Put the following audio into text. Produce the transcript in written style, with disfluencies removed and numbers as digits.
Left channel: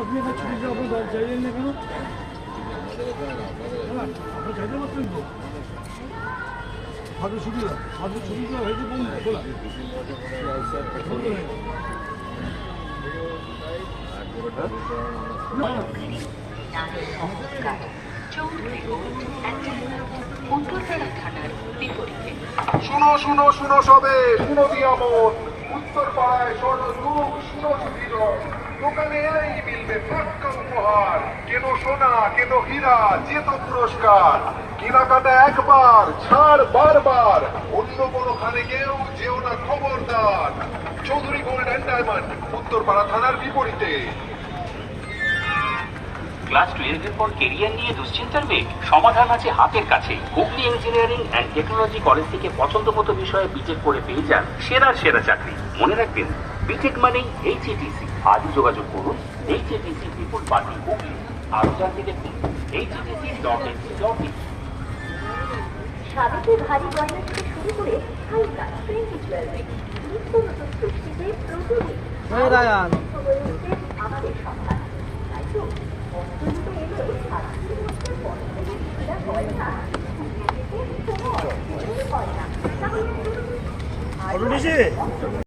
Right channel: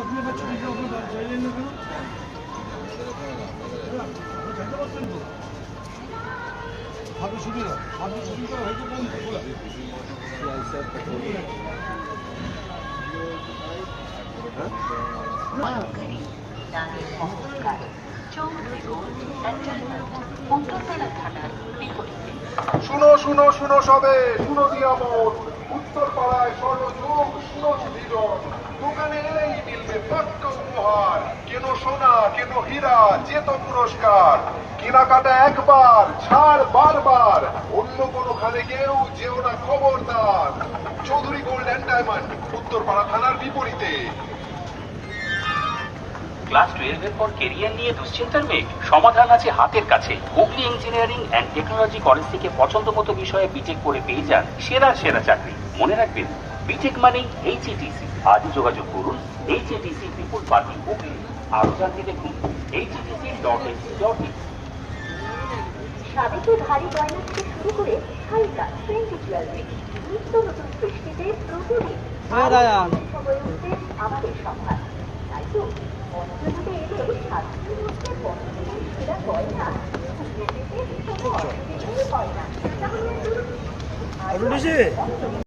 আপনি একটা ছবি যখন চাইলেন না কেন? চাইতে পারছেন তো হাতে ছবিটা হয়েছে কোন খোলা শুনো শুনো শুনো সবে শুনো দিয়া মন উত্তর পাড়ায় স্বর্ণযুগ শুনো জীবন দোকানে এই মিলবে পাক্কা উপহার কেন সোনা কেন হীরা যেত পুরস্কার কেনাকাটা একবার ছাড় বারবার অন্য কোনো খানে কেউ যেও না খবরদার Chowdhury gold and diamond Uttarpara থানার বিপরীতে। ক্লাস 12 এর পর কেরিয়ার নিয়ে দুশ্চিন্তার মেয়ে সমাধান আছে হাতের কাছে। Hooghly engineering and technology college থেকে পছন্দ মতো বিষয়ে বিটেক করে পেয়ে যান সেরা চাকরি। মনে রাখবেন, বিটেক মানেই এইচএটিসি। আজই যোগাযোগ করুন এইচএটিসি পিপুল পার্টি হুগলি। আরো জানতে দেখুন httc.ac.in। সাবেকে ভারী গয়না থেকে শুরু করে হালকা ট্রেন্ডি জুয়েলারি নিত্য নতুন সৃষ্টিতে প্রতিদিন হয়ে উঠছে আমাদের সন্ধান। তাই তো অন্তর্ভুক্ত এলে সাতটির মধ্যে পছন্দের সেরা গয়না হয় না।